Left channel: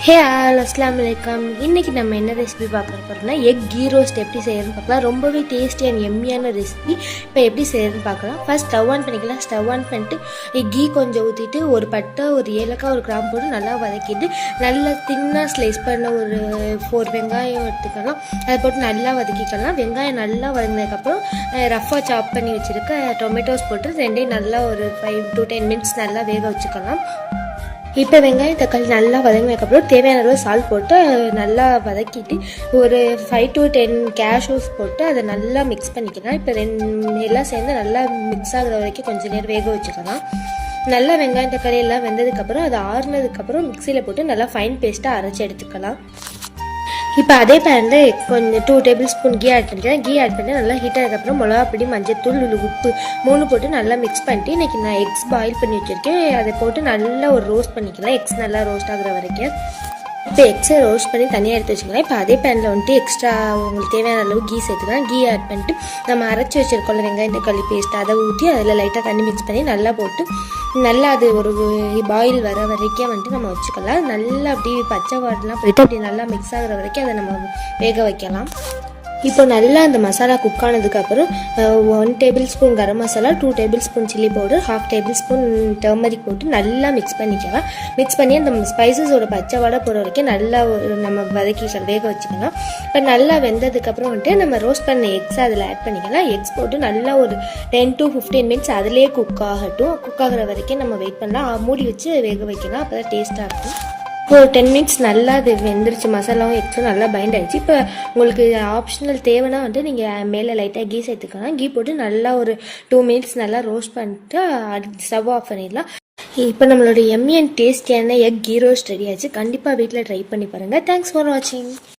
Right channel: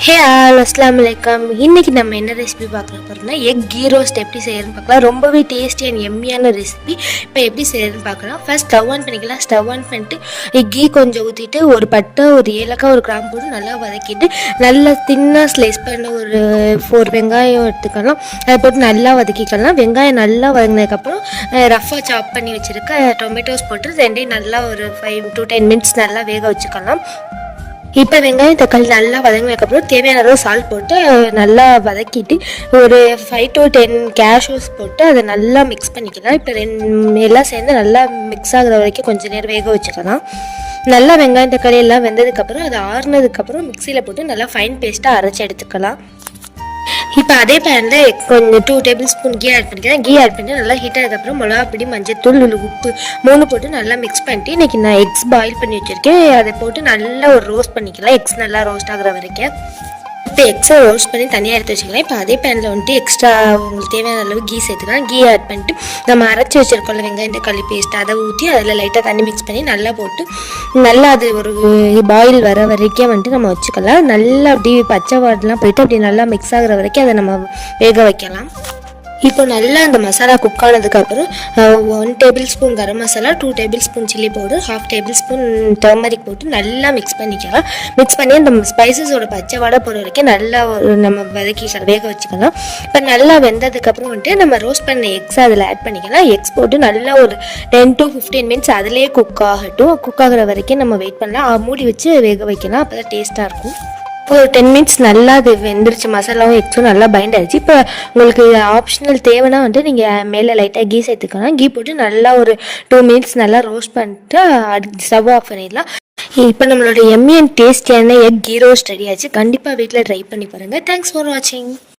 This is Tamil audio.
ஹே ஆல் அஸ்லாம் வலைக்கம். இன்றைக்கி நம்ம என்ன ரெசிபி பார்க்க போகிறோம்னா எக் கீ ரோஸ்ட் எப்படி செய்யறதுன்னு பார்க்கலாம். ரொம்பவே டேஸ்டி அண்ட் எம்மியான ரெசிபி. இப்போ எப்படி செய்யறதுன்னு பார்க்கலாம். ஃபர்ஸ்ட் ஸ்டவ் ஆன் பண்ணிக்கலாம். ஸ்டவ் ஆன் பண்ணிட்டு கீ கொஞ்சம் ஊற்றிட்டு ஒரு பட்டை, ஒரு ஏலக்காய், ஒரு கிராம்பு போட்டு நல்லா வதக்கிட்டு நல்லா தின்னாக ஸ்லைஸ் பண்ண ஒரு 4 வெங்காயம் எடுத்துக்கலாம். அதை போட்டு நல்லா வதக்கிக்கலாம். வெங்காயம் நல்லா வதங்கினதுக்கப்புறம் ரஃபாக சாப் பண்ணி வச்சுருக்க டொமேட்டோஸ் போட்டு ரெண்டையும் நல்லா ஒரு 5 to 10 minutes நல்லா வேக வச்சுக்கலாம். இப்போ வெங்காயம் தக்காளி நல்லா வதங்கினதுக்கப்புறம் தேவையான அளவு சால்ட் போட்டு நல்லா வதக்கிட்டு ஒரு 5 to 10 கேஷ்யூஸ் போட்டு அதை நல்லா மிக்ஸ் பண்ணிக்கலாம். இப்போ எல்லாம் சேர்ந்து நல்லா மிக்ஸ் ஆகுற வரைக்கும் கொஞ்சம் நேரம் வேக வச்சுக்கலாம். நல்லா வெங்காயம் தக்காளி எல்லாம் வெந்ததுக்கப்புறம் அதை ஆறுனதுக்கப்புறம் மிக்சியில் போட்டு நல்லா ஃபைன் பேஸ்ட்டாக அரைச்சி எடுத்துக்கலாம். இப்போ அதே பேனில் கொஞ்சம் 2 tablespoon கீ ஆட் பண்ணிக்கிறேன். கீ ஆட் பண்ணி நல்லா ஹீட் ஆனதுக்கப்புறம் மிளகாப்பொடி, மஞ்சத்தூள், உப்பு 3 போட்டு நல்லா மிக்ஸ் பண்ணிட்டு இன்றைக்கி நான் எக்ஸ் பாயில் பண்ணி வச்சுருக்கேன். அதை போட்டு நல்லா ஒரு ரோஸ்ட் பண்ணிக்கலாம். எக்ஸ் நல்லா ரோஸ்ட் ஆகுற வரைக்கும். இப்போ எக்ஸை ரோஸ்ட் பண்ணி தனியாக எடுத்து வச்சுக்கலாம். இப்போ அதே பேனில் வந்துட்டு எக்ஸ்ட்ரா உங்களுக்கு தேவையான அளவு கீ சேர்த்துக்கலாம். கீ ஆட் பண்ணிட்டு நம்ம அரைச்சி வச்சுருக்கோம்ல வெங்காயம் தக்காளி பேஸ்ட், அதை ஊற்றி அதில் லைட்டாக தண்ணி மிக்ஸ் பண்ணி நல்லா போட்டு நல்லா அது ஒரு பாயில் வர வரைக்கும் வந்துட்டு நம்ம வச்சுக்கலாம். நல்லா அப்படி பச்சை வாடெலாம் போயிட்டு அப்படி நல்லா மிக்ஸ் ஆகுற வரைக்கும் அதை நம்ம வேக வைக்கலாம். இப்போ நல்லா அந்த மசாலா குக் ஆனதுக்கப்புறம் 1 tablespoon garam masala, 2 tablespoon chilli powder, 1/2 tablespoon turmeric போட்டு நல்லா மிக்ஸ் பண்ணிக்கலாம். மிக்ஸ் பண்ணி அந்த ஸ்பைசஸோட பச்சை வாடை போகிற வரைக்கும் நல்லா நம்ம வதக்கிக்கலாம், வேக வச்சுக்கலாம். இப்போ நல்லா வெந்ததுக்கப்புறம் வந்துட்டு நம்ம ரோஸ்ட் பண்ண எக்ஸ் அதில் ஆட் பண்ணிக்கலாம். எக்ஸ் போட்டு நல்லா ஒரு 10 to 15 minutes அதிலே குக் ஆகட்டும். குக் ஆகிற வரைக்கும் நம்ம வெயிட் பண்ணலாம். மூடி வச்சு வேக வைக்கலாம். அப்போ தான் டேஸ்ட்டாக இருக்கும். ஒரு 10 minutes நல்லா அது வெந்துருச்சு. மசாலாவும் எக்ஸும் நல்லா பைண்ட் ஆகிடுச்சு. இப்போ உங்களுக்கு ஆப்ஷனல் தேவைன்னா வந்துட்டு நீங்கள் மேலே லைட்டாக கீ சேர்த்துக்கலாம். கீ போட்டு நல்லா ஒரு 2 minutes நல்லா ரோஸ்ட் பண்ணிட்டு ஸ்டவ் ஆஃப் பண்ணிடலாம். இப்போ நம்மளோட எம்மி அண்ட் டேஸ்டியான எக் கீ ரோஸ்ட் ரெடி ஆச்சு. கண்டிப்பாக வீட்டில் ட்ரை பண்ணி பாருங்கள். தேங்க்ஸ் ஃபார் வாட்சிங்.